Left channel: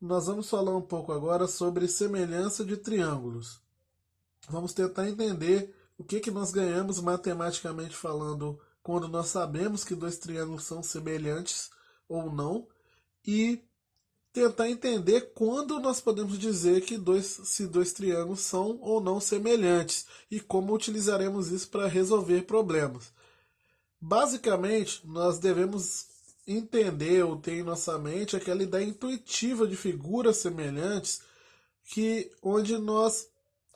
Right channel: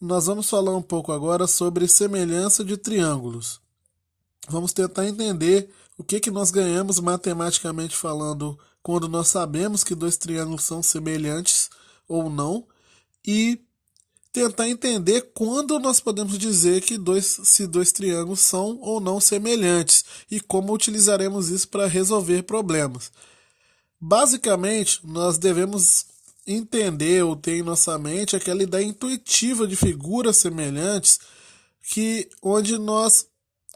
Nós vamos falar um pouco agora sobre semelhança de triângulos. Vamos tentar entender o que nós ganhamos matematicamente falando quando nós sabemos que dois triângulos são semelhantes ou não e tentar entender quando nós podemos dizer que se dois triângulos são ou não semelhantes e como utilizaremos isso para resolver problemas. Basicamente, nós devemos entender ou ter em nossa mente aquela ideia intuitiva de figuras semelhantes onde nós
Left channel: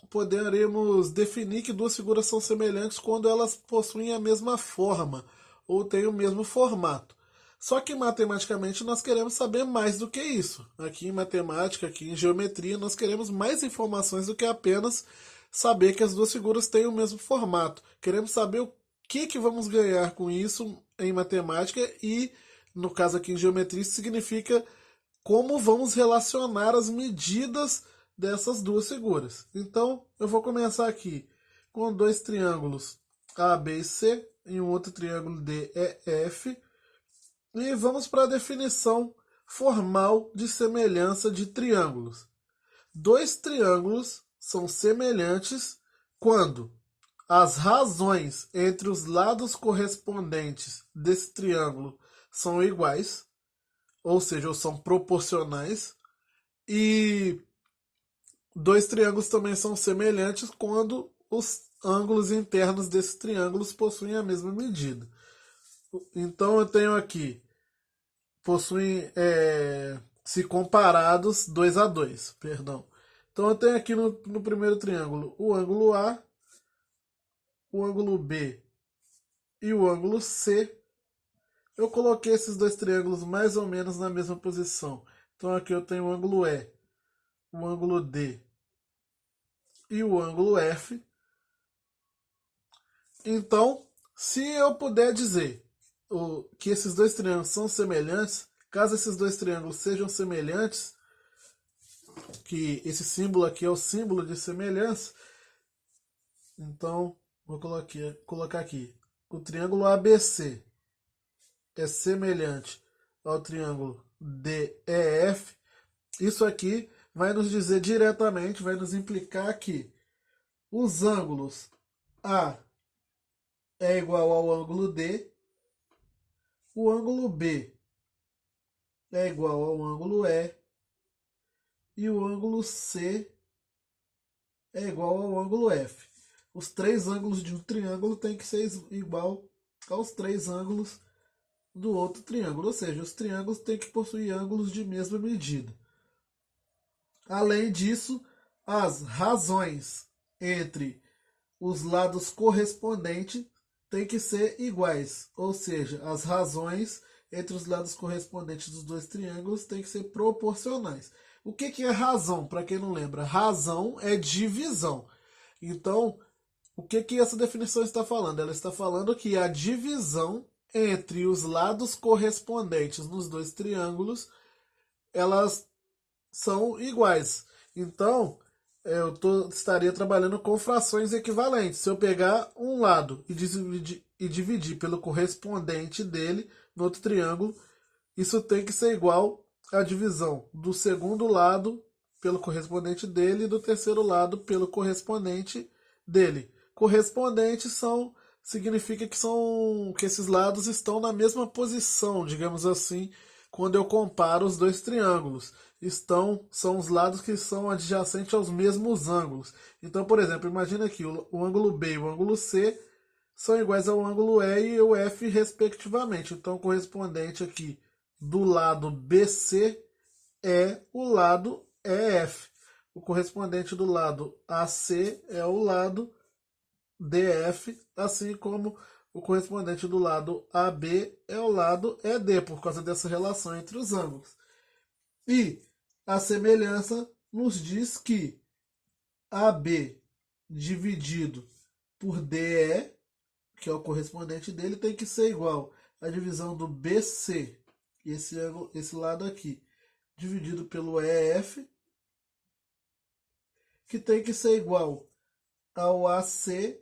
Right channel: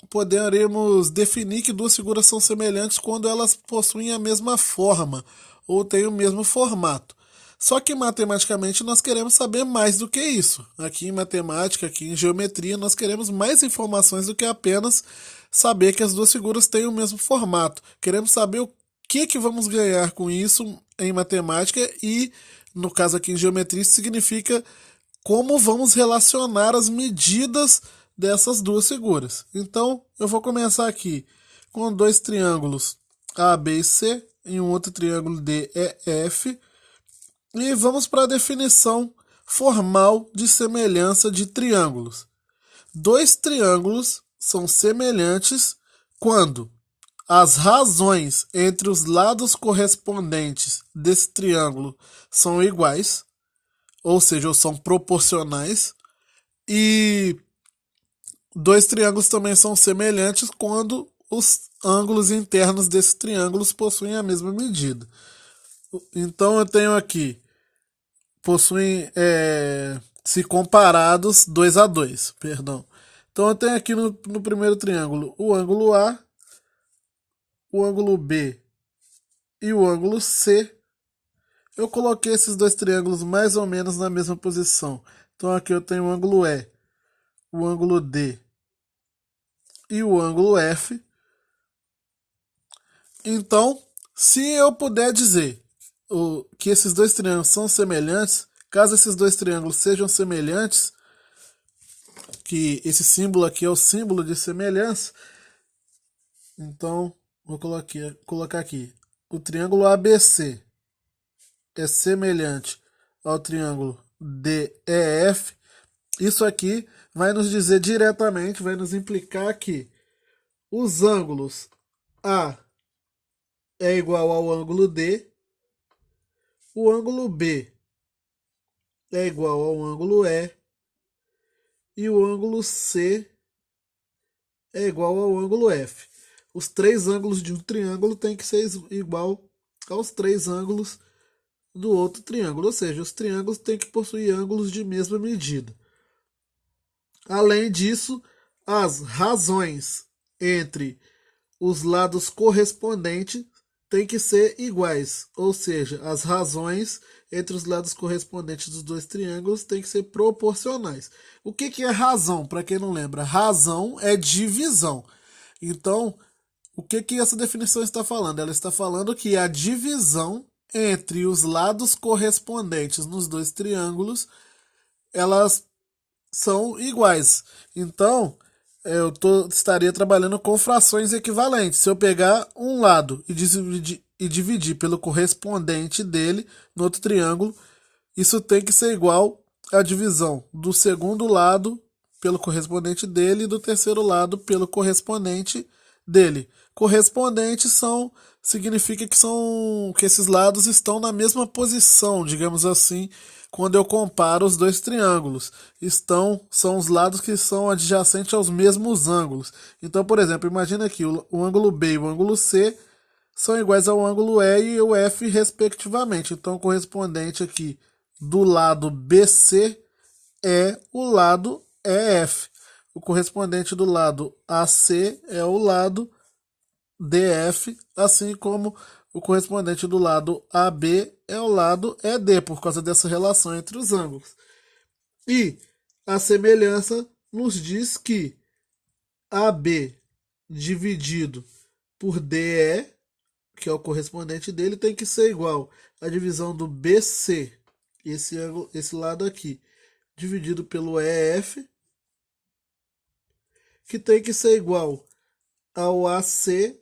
poderemos definir que duas figuras são semelhantes quando elas possuem a mesma forma ou têm o mesmo formato. Só que matematicamente nós queremos saber mais do que isso. Aqui em matemática, aqui em geometria, nós queremos mais informações do que apenas saber que as duas figuras têm o mesmo formato. Queremos saber o que vamos ganhar com isso em matemática e, no caso aqui em geometria, isso significa como vamos relacionar as medidas dessas duas figuras. Então, eu vou começar aqui com dois triângulos A, B e C e um outro triângulo D, E, F. E vamos para a definição formal de semelhança de triângulos. Dois triângulos são semelhantes quando as razões entre os lados correspondentes desse triângulo são iguais, ou seja, ou são proporcionais, e dois triângulos também são semelhantes quando os ângulos internos desses triângulos possuem a mesma medida. Então eu tenho aqui, possuem, se comparados, 2 a 2, perdão. Então eu tenho aqui no primeiro triângulo o ângulo A, o ângulo B e o ângulo C. Eu coloquei esses dois triângulos mais ou menos na mesma posição. Então aqui eu tenho o ângulo E, o ângulo D e o ângulo F. Então, se eu puder dizer que esses dois triângulos são semelhantes, caso esses dois triângulos sejam semelhantes, que esse símbolo aqui é o símbolo de semelhança, então vou colocar aqui. O triângulo ABC é semelhante ao triângulo DEF. Isso aqui vai nos dizer diretamente, vai nos implicar que os ângulos A é igual ao ângulo D, o ângulo B é igual ao ângulo E e o ângulo C é igual ao ângulo F. Os três ângulos de um triângulo têm que ser igual aos três ângulos do outro triângulo, ou seja, os triângulos têm que possuir ângulos de mesma medida. Além disso, as razões entre os lados correspondentes têm que ser iguais, ou seja, as razões entre os lados correspondentes dos dois triângulos têm que ser proporcionais. O que é razão? Para quem não lembra, razão é divisão. Então, o que essa definição está falando? Ela está falando que a divisão entre os lados correspondentes nos dois triângulos, elas são iguais. Então, estaria trabalhando com frações equivalentes. Se eu pegar um lado e dividir pelo correspondente dele no outro triângulo, isso tem que ser igual à divisão do segundo lado pelo correspondente dele e do terceiro lado pelo correspondente dele. Correspondentes significa que esses lados estão na mesma posição, digamos assim, quando eu comparo os dois triângulos. São os lados que são adjacentes aos mesmos ângulos. Então, por exemplo, imagina aqui o ângulo B e o ângulo C são iguais ao ângulo E e o F, respectivamente. Então, o correspondente aqui do lado BC é o lado EF. O correspondente do lado AC é o lado DF, assim como o correspondente do lado AB é o lado ED, por causa dessa relação entre os ângulos. E a semelhança nos diz que AB dividido por DE, que é o correspondente dele, tem que ser igual à divisão do BC, esse lado aqui, dividido pelo EF, que tem que ser igual ao AC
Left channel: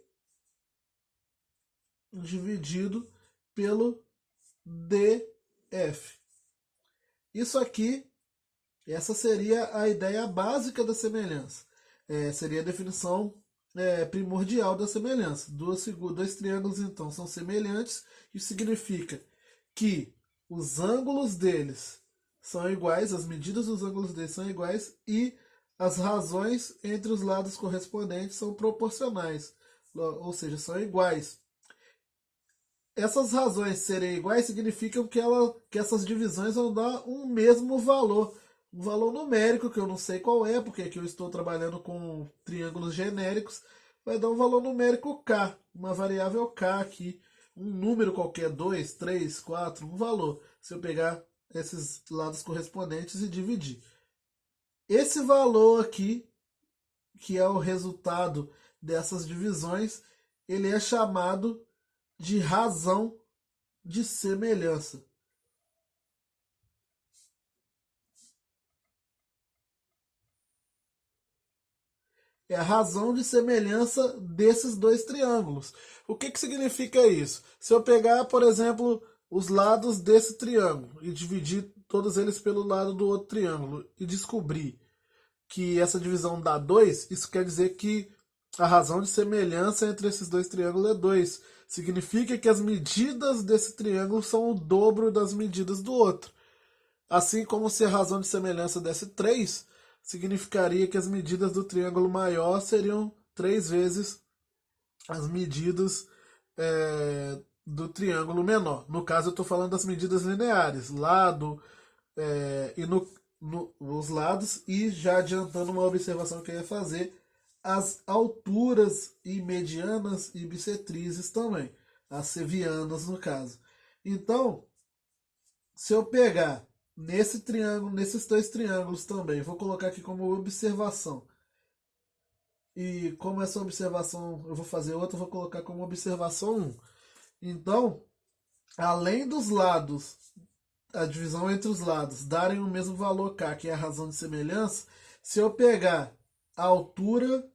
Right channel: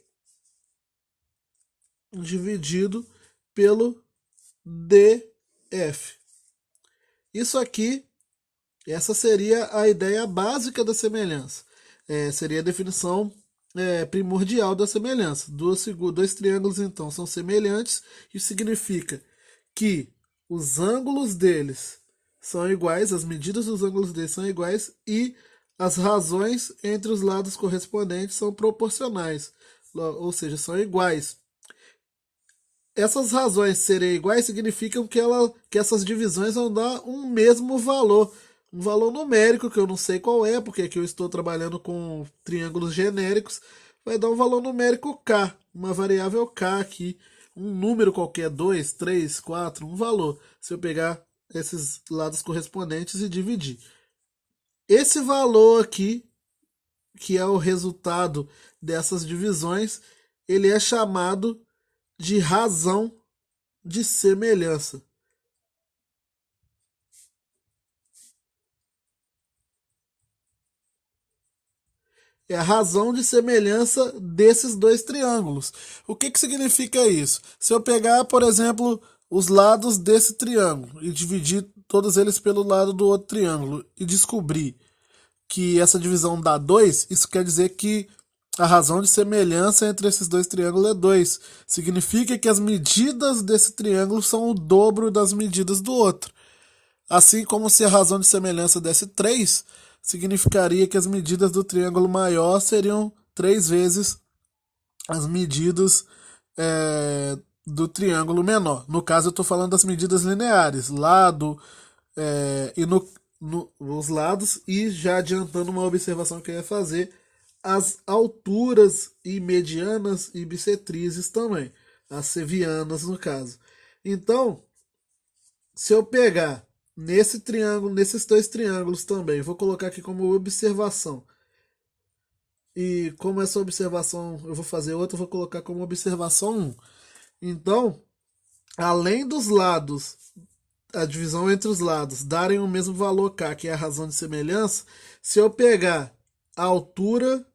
dividido pelo DF. Isso aqui Essa seria a ideia básica da semelhança. Seria a definição primordial da semelhança. Dois triângulos, então, são semelhantes. Isso significa que os ângulos deles são iguais, as medidas dos ângulos deles são iguais e as razões entre os lados correspondentes são proporcionais, ou seja, são iguais. Essas razões serem iguais significam que essas divisões vão dar um mesmo valor, um valor numérico que eu não sei qual é, porque aqui eu estou trabalhando com triângulos genéricos, vai dar um valor numérico k, uma variável k aqui, um número qualquer, 2, 3, 4, um valor, se eu pegar esses lados correspondentes e dividir. Esse valor aqui, que é o resultado dessas divisões, ele é chamado de razão de semelhança. É a razão de semelhança desses dois triângulos. O que significa isso? Se eu pegar, por exemplo, os lados desse triângulo e dividir todos eles pelo lado do outro triângulo e descobrir que essa divisão dá 2, isso quer dizer que a razão de semelhança entre esses dois triângulos é 2. Significa que as medidas desse triângulo são o dobro das medidas do outro. Assim como se a razão de semelhança desse 3, significaria que as medidas do triângulo maior seriam 3 vezes as medidas do triângulo menor. No caso, eu estou falando das medidas lineares, lado e os lados, e já adiantando uma observação que eu ia fazer, as alturas e medianas e bissetrizes também, as sevianas no caso. Então, se eu pegar nesse triângulo, nesses dois triângulos também, vou colocar aqui como observação. E como essa observação eu vou fazer outra, eu vou colocar como observação 1. Então, além dos lados, a divisão entre os lados darem o mesmo valor k, que é a razão de semelhança, se eu pegar a altura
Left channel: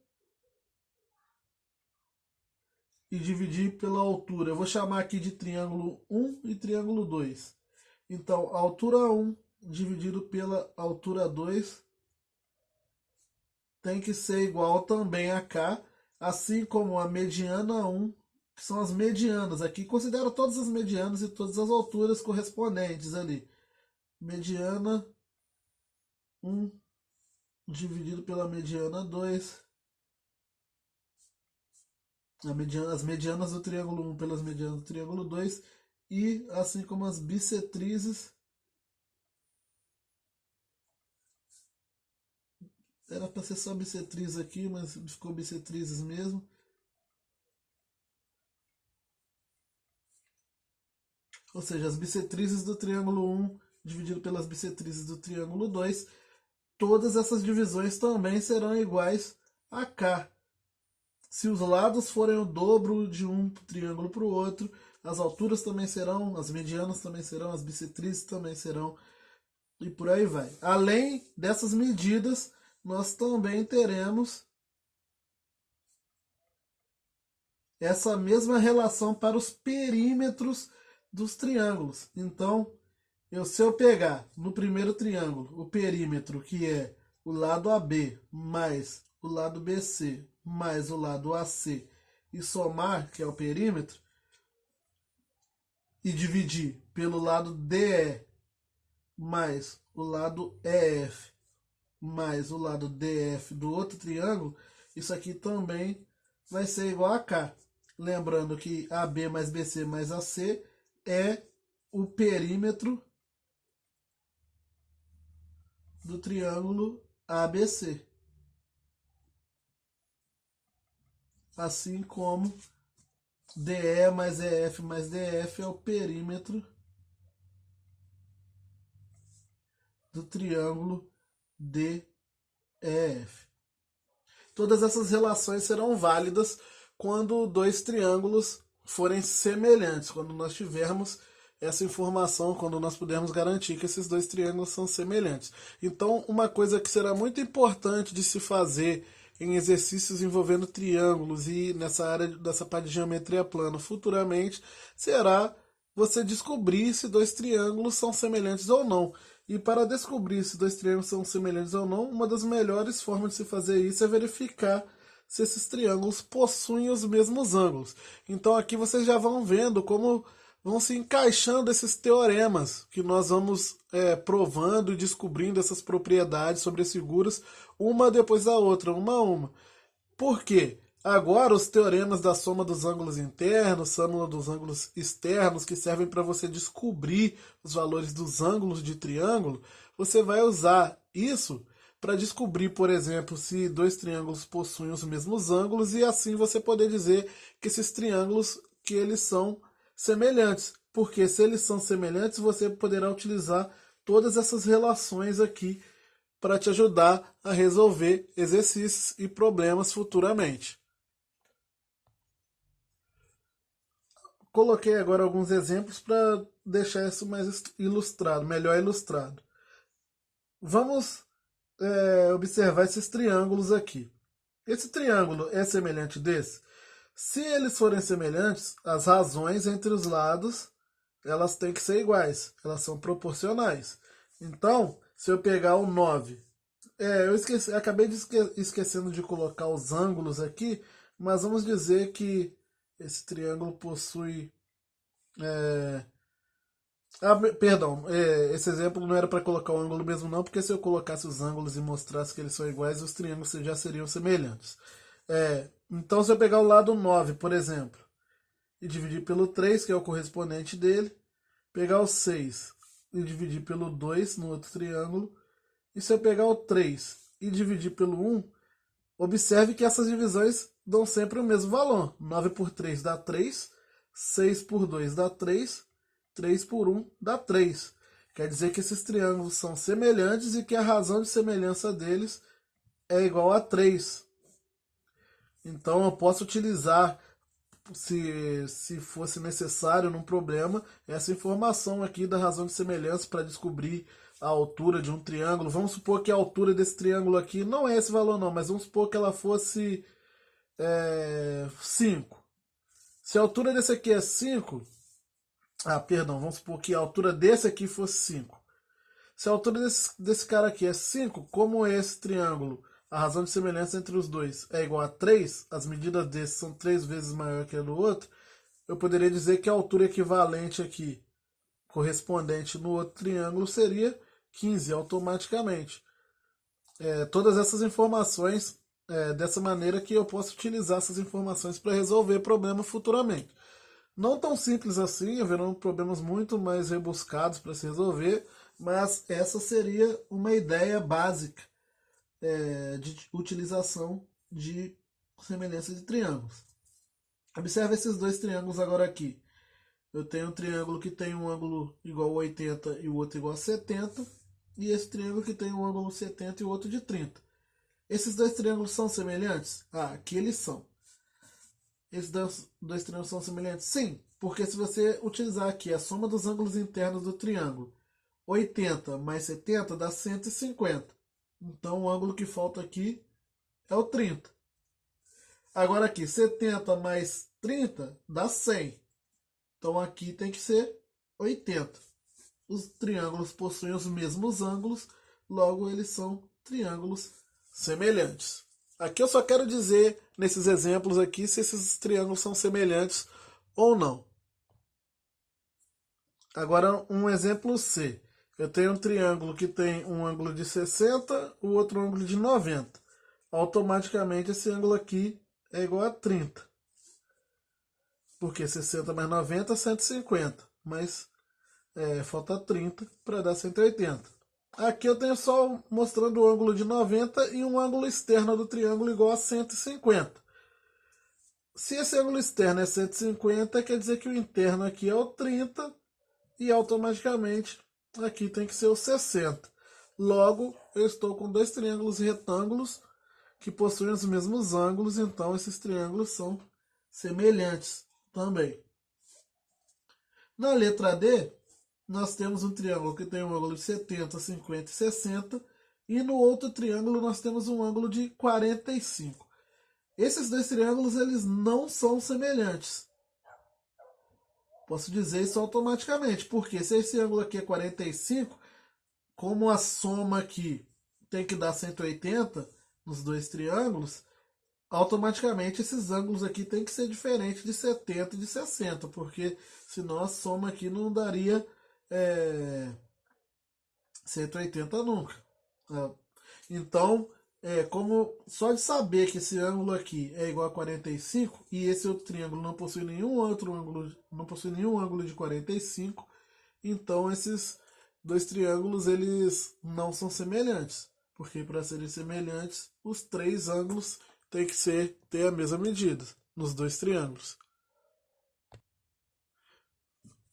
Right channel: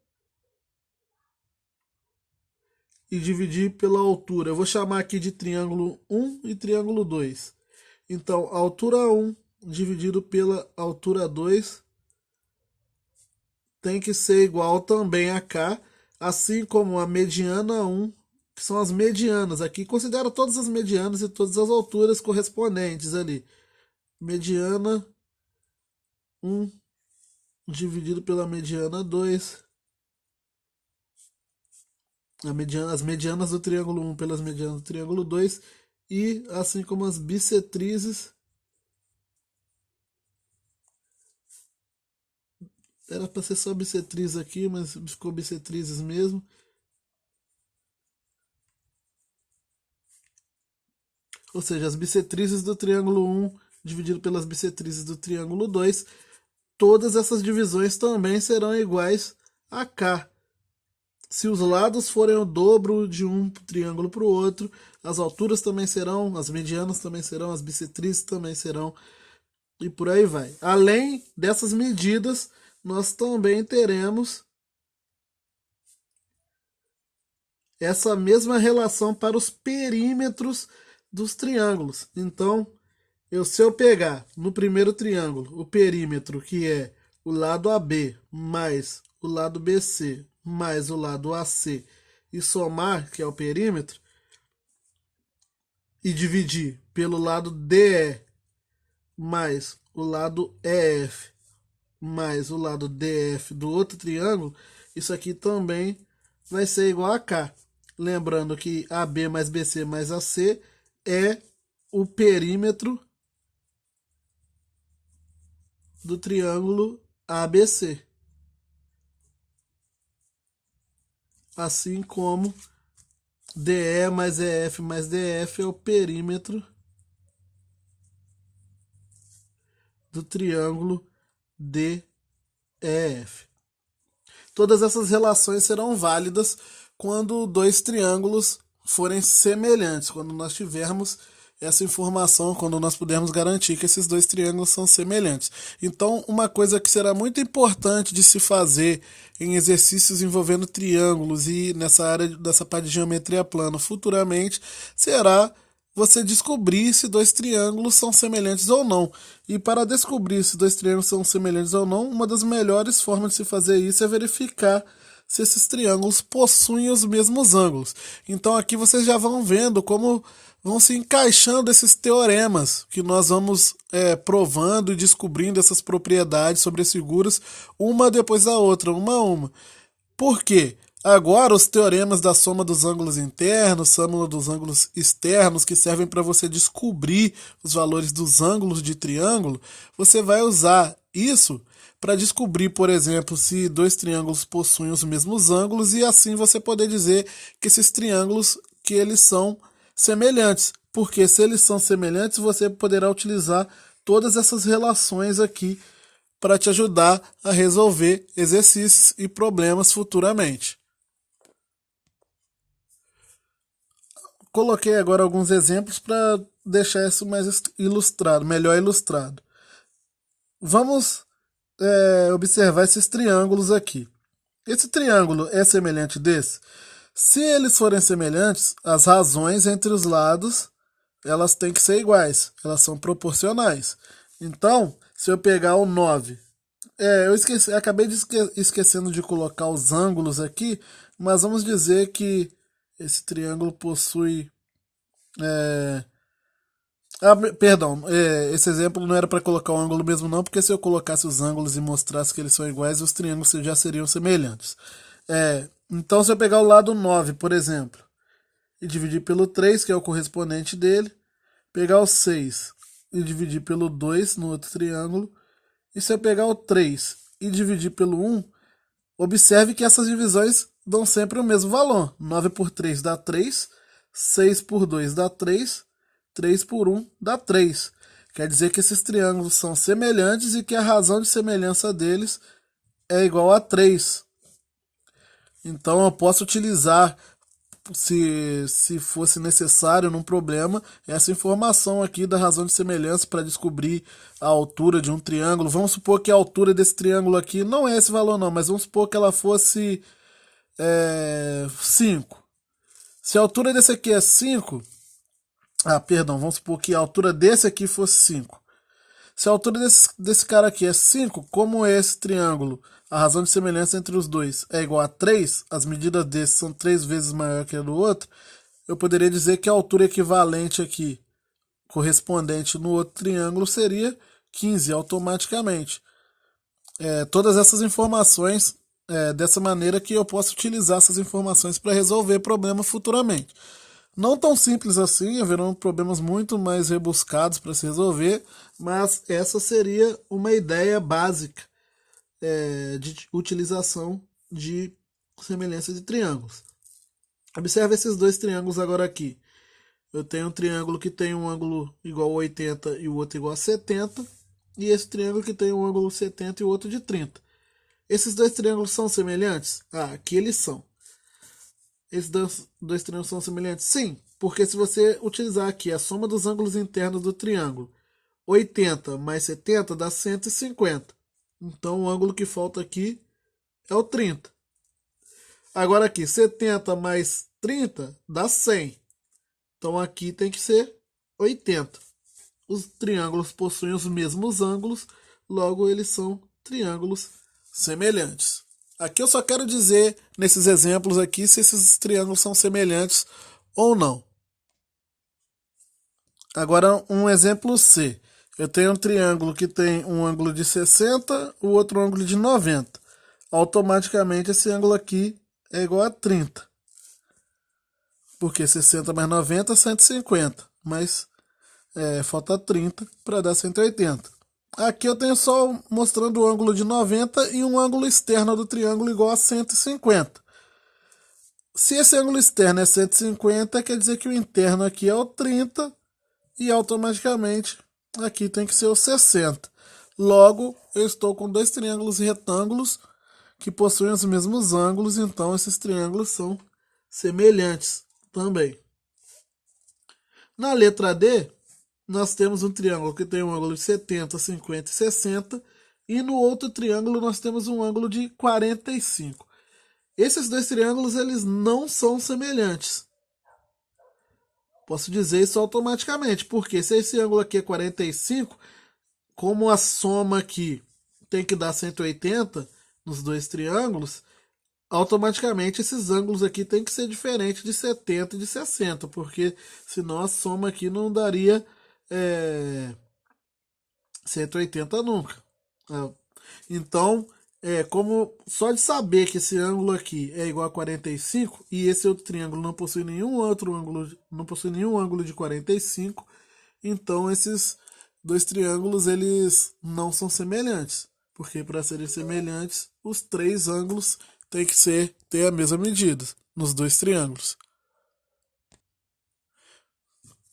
e dividir pela altura, eu vou chamar aqui de triângulo 1 e triângulo 2. Então, a altura 1 dividido pela altura 2 tem que ser igual também a k, assim como a mediana 1, que são as medianas. Aqui considera todas as medianas e todas as alturas correspondentes ali. Mediana 1 dividido pela mediana 2. As medianas do triângulo 1 pelas medianas do triângulo 2. E assim como as bissetrizes. Era para ser só bissetriz aqui, mas ficou bissetrizes mesmo. Ou seja, as bissetrizes do triângulo 1 dividido pelas bissetrizes do triângulo 2, todas essas divisões também serão iguais a k. Se os lados forem o dobro de um triângulo para o outro, as alturas também serão, as medianas também serão, as bissetrizes também serão, e por aí vai. Além dessas medidas, nós também teremos essa mesma relação para os perímetros dos triângulos. Então, se eu pegar no primeiro triângulo o perímetro, que é o lado AB mais o lado BC mais o lado AC, e somar, que é o perímetro, e dividir pelo lado DE mais o lado EF mais o lado DF do outro triângulo, isso aqui também vai ser igual a K. Lembrando que AB mais BC mais AC é o perímetro do triângulo ABC. Assim como DE mais EF mais DF é o perímetro do triângulo DEF. Todas essas relações serão válidas quando dois triângulos forem semelhantes, quando nós tivermos essa informação, quando nós pudermos garantir que esses dois triângulos são semelhantes. Então, uma coisa que será muito importante de se fazer em exercícios envolvendo triângulos e nessa área dessa parte de geometria plana futuramente será você descobrir se dois triângulos são semelhantes ou não. E para descobrir se dois triângulos são semelhantes ou não, uma das melhores formas de se fazer isso é verificar se esses triângulos possuem os mesmos ângulos. Então aqui vocês já vão vendo como vão se encaixando esses teoremas que nós vamos provando e descobrindo essas propriedades sobre as figuras, uma depois da outra, uma a uma. Por quê? Agora, os teoremas da soma dos ângulos internos, soma dos ângulos externos, que servem para você descobrir os valores dos ângulos de triângulo, você vai usar isso para descobrir, por exemplo, se dois triângulos possuem os mesmos ângulos e assim você poder dizer que esses triângulos que eles são semelhantes. Porque se eles são semelhantes, você poderá utilizar todas essas relações aqui para te ajudar a resolver exercícios e problemas futuramente. Coloquei agora alguns exemplos para deixar isso mais ilustrado, melhor ilustrado. Vamos observar esses triângulos aqui. Esse triângulo é semelhante desse? Se eles forem semelhantes, as razões entre os lados elas têm que ser iguais, elas são proporcionais. Então, se eu pegar o 9, eu esqueci, acabei de esquecendo de colocar os ângulos aqui, mas vamos dizer que esse triângulo possui. Perdão, esse exemplo não era para colocar o ângulo mesmo não, porque se eu colocasse os ângulos e mostrasse que eles são iguais, os triângulos já seriam semelhantes. Então, se eu pegar o lado 9, por exemplo, e dividir pelo 3, que é o correspondente dele, pegar o 6 e dividir pelo 2 no outro triângulo, e se eu pegar o 3 e dividir pelo 1, observe que essas divisões dão sempre o mesmo valor. 9 por 3 dá 3, 6 por 2 dá 3, 3 por 1 dá 3. Quer dizer que esses triângulos são semelhantes e que a razão de semelhança deles é igual a 3. Então eu posso utilizar, se fosse necessário num problema, essa informação aqui da razão de semelhança para descobrir a altura de um triângulo. Vamos supor que a altura desse triângulo aqui não é esse valor não, mas vamos supor que ela fosse 5. Se a altura desse aqui é 5, perdão, vamos supor que a altura desse aqui fosse 5. Se a altura desse cara aqui é 5, como é esse triângulo? A razão de semelhança entre os dois é igual a 3, as medidas desse são 3 vezes maior que a do outro, eu poderia dizer que a altura equivalente aqui, correspondente no outro triângulo, seria 15 automaticamente. Todas essas informações, dessa maneira que eu posso utilizar essas informações para resolver problemas futuramente. Não tão simples assim, haverão problemas muito mais rebuscados para se resolver, mas essa seria uma ideia básica de utilização de semelhança de triângulos. Observe esses dois triângulos agora aqui. Eu tenho um triângulo que tem um ângulo igual a 80 e o outro igual a 70, e esse triângulo que tem um ângulo 70 e o outro de 30. Esses dois triângulos são semelhantes? Aqui eles são. Esses dois triângulos são semelhantes? Sim, porque se você utilizar aqui a soma dos ângulos internos do triângulo, 80 mais 70 dá 150. Então o ângulo que falta aqui é o 30. Agora aqui, 70 mais 30 dá 100. Então aqui tem que ser 80. Os triângulos possuem os mesmos ângulos, logo eles são triângulos semelhantes. Aqui eu só quero dizer, nesses exemplos aqui, se esses triângulos são semelhantes ou não. Agora um exemplo C. Eu tenho um triângulo que tem um ângulo de 60, o outro ângulo de 90. Automaticamente esse ângulo aqui é igual a 30. Porque 60 mais 90 é 150. Mas falta 30 para dar 180. Aqui eu tenho só mostrando o ângulo de 90 e um ângulo externo do triângulo igual a 150. Se esse ângulo externo é 150, quer dizer que o interno aqui é o 30 e automaticamente aqui tem que ser o 60. Logo, eu estou com dois triângulos retângulos que possuem os mesmos ângulos, então esses triângulos são semelhantes também. Na letra D, nós temos um triângulo que tem um ângulo de 70, 50 e 60, e no outro triângulo nós temos um ângulo de 45. Esses dois triângulos eles não são semelhantes. Posso dizer isso automaticamente, porque se esse ângulo aqui é 45, como a soma aqui tem que dar 180 nos dois triângulos, automaticamente esses ângulos aqui tem que ser diferente de 70 e de 60, porque senão a soma aqui não daria 180 nunca. Então, como só de saber que esse ângulo aqui é igual a 45 e esse outro triângulo não possui nenhum outro ângulo, não possui nenhum ângulo de 45, então esses dois triângulos eles não são semelhantes, porque para serem semelhantes, os três ângulos têm que ter a mesma medida nos dois triângulos.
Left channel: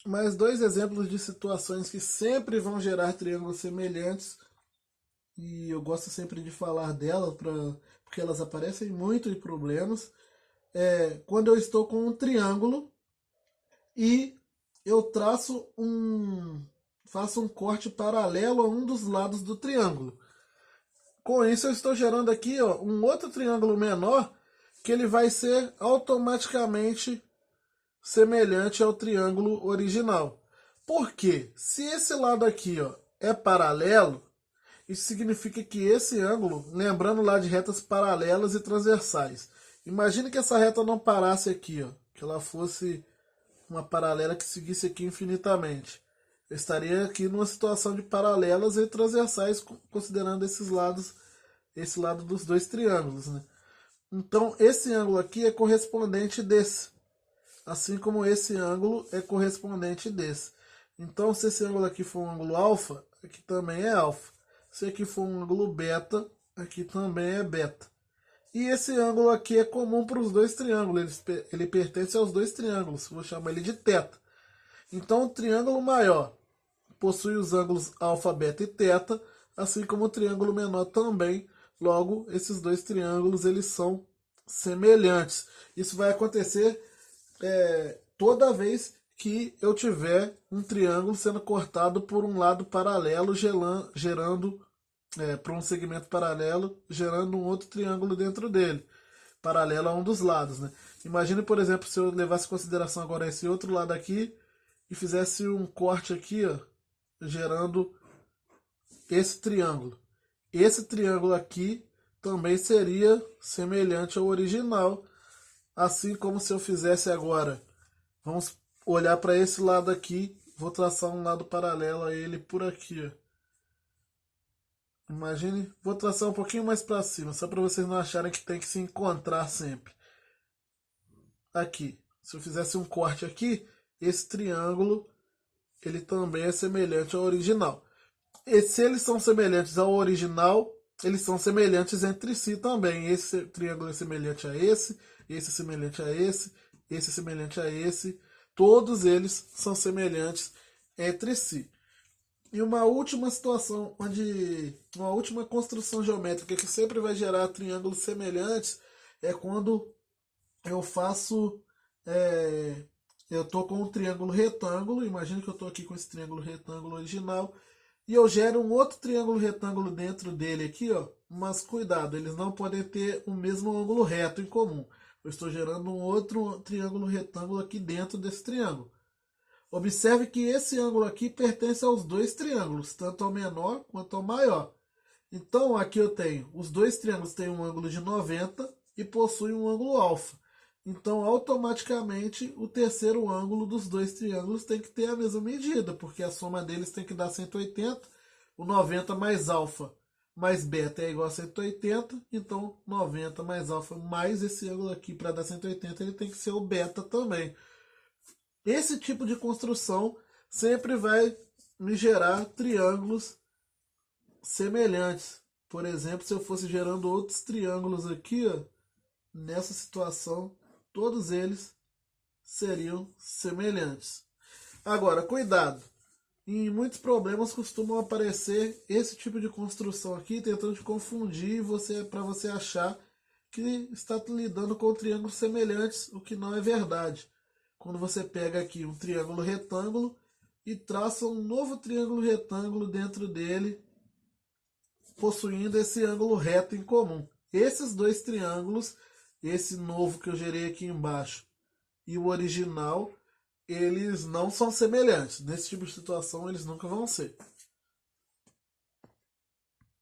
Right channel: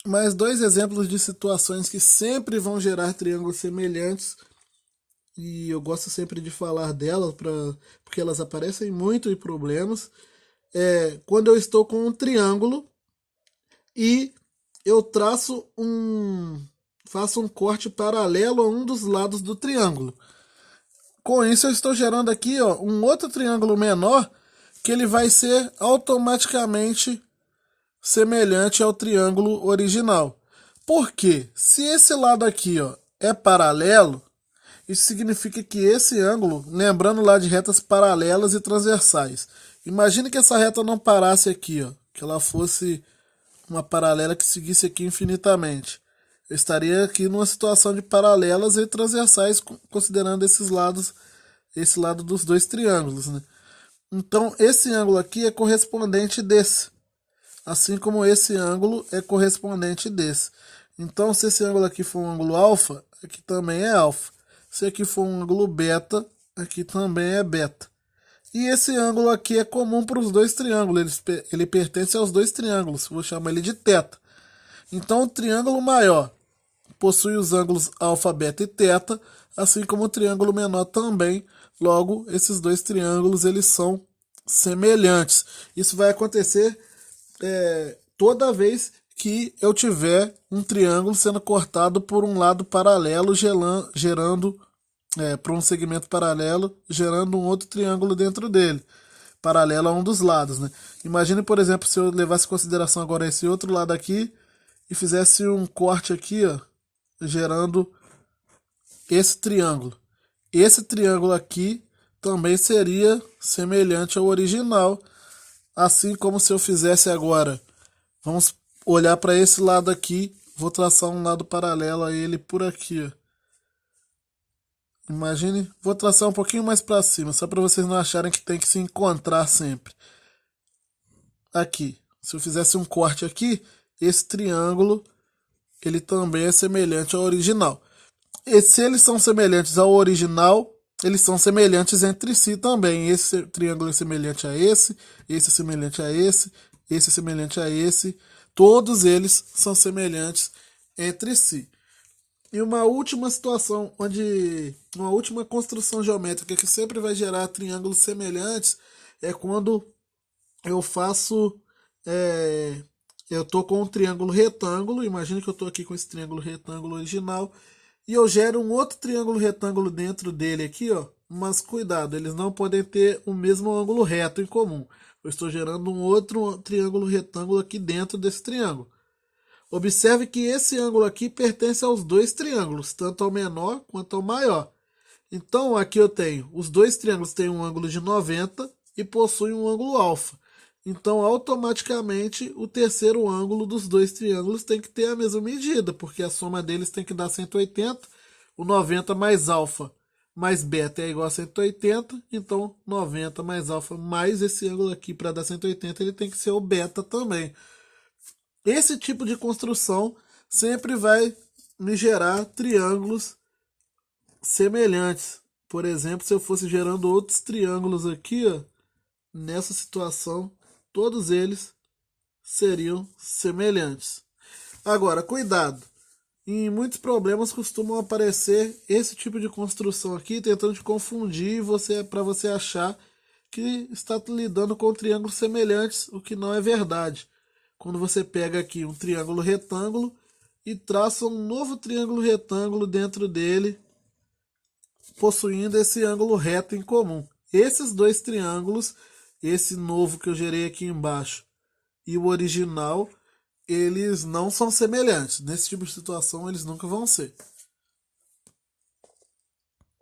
Mais dois exemplos de situações que sempre vão gerar triângulos semelhantes, e eu gosto sempre de falar delas porque elas aparecem muito em problemas. Quando eu estou com um triângulo e eu faço um corte paralelo a um dos lados do triângulo. Com isso eu estou gerando aqui um outro triângulo menor que ele vai ser automaticamente semelhante ao triângulo original. Por quê? Se esse lado aqui é paralelo, isso significa que esse ângulo, lembrando lá de retas paralelas e transversais, imagine que essa reta não parasse aqui, que ela fosse uma paralela que seguisse aqui infinitamente. Eu estaria aqui numa situação de paralelas e transversais, considerando esses lados, esse lado dos dois triângulos, né? Então, esse ângulo aqui é correspondente desse, assim como esse ângulo é correspondente desse. Então, se esse ângulo aqui for um ângulo alfa, aqui também é alfa. Se aqui for um ângulo beta, aqui também é beta. E esse ângulo aqui é comum para os dois triângulos, ele pertence aos dois triângulos, vou chamar ele de θ. Então, o triângulo maior possui os ângulos alfa, beta e θ, assim como o triângulo menor também. Logo, esses dois triângulos eles são semelhantes. Isso vai acontecer toda vez que eu tiver um triângulo sendo cortado por um lado paralelo, gerando para um segmento paralelo, gerando um outro triângulo dentro dele, paralelo a um dos lados, né? Imagine, por exemplo, se eu levasse em consideração agora esse outro lado aqui e fizesse um corte aqui, gerando esse triângulo. Esse triângulo aqui também seria semelhante ao original, assim como se eu fizesse agora. Vamos olhar para esse lado aqui, vou traçar um lado paralelo a ele por aqui. Imagine, vou traçar um pouquinho mais para cima, só para vocês não acharem que tem que se encontrar sempre. Aqui, se eu fizesse um corte aqui, esse triângulo, ele também é semelhante ao original. E se eles são semelhantes ao original, eles são semelhantes entre si também. Esse triângulo é semelhante a esse é semelhante a esse é semelhante a esse. Todos eles são semelhantes entre si. E uma última situação, uma última construção geométrica que sempre vai gerar triângulos semelhantes é quando eu faço, eu estou com um triângulo retângulo, imagine que eu estou aqui com esse triângulo retângulo original, e eu gero um outro triângulo retângulo dentro dele aqui, mas cuidado, eles não podem ter o mesmo ângulo reto em comum. Eu estou gerando um outro triângulo retângulo aqui dentro desse triângulo. Observe que esse ângulo aqui pertence aos dois triângulos, tanto ao menor quanto ao maior. Então, aqui eu tenho, os dois triângulos têm um ângulo de 90 e possuem um ângulo alfa. Então, automaticamente, o terceiro ângulo dos dois triângulos tem que ter a mesma medida, porque a soma deles tem que dar 180. O 90 mais alfa mais beta é igual a 180, então 90 mais alfa mais esse ângulo aqui para dar 180, ele tem que ser o beta também. Esse tipo de construção sempre vai me gerar triângulos semelhantes. Por exemplo, se eu fosse gerando outros triângulos aqui, nessa situação, todos eles seriam semelhantes. Agora, cuidado. Em muitos problemas costumam aparecer esse tipo de construção aqui, tentando te confundir para você achar que está lidando com triângulos semelhantes, o que não é verdade. Quando você pega aqui um triângulo retângulo e traça um novo triângulo retângulo dentro dele, possuindo esse ângulo reto em comum. Esses dois triângulos, esse novo que eu gerei aqui embaixo e o original, eles não são semelhantes. Nesse tipo de situação, eles nunca vão ser.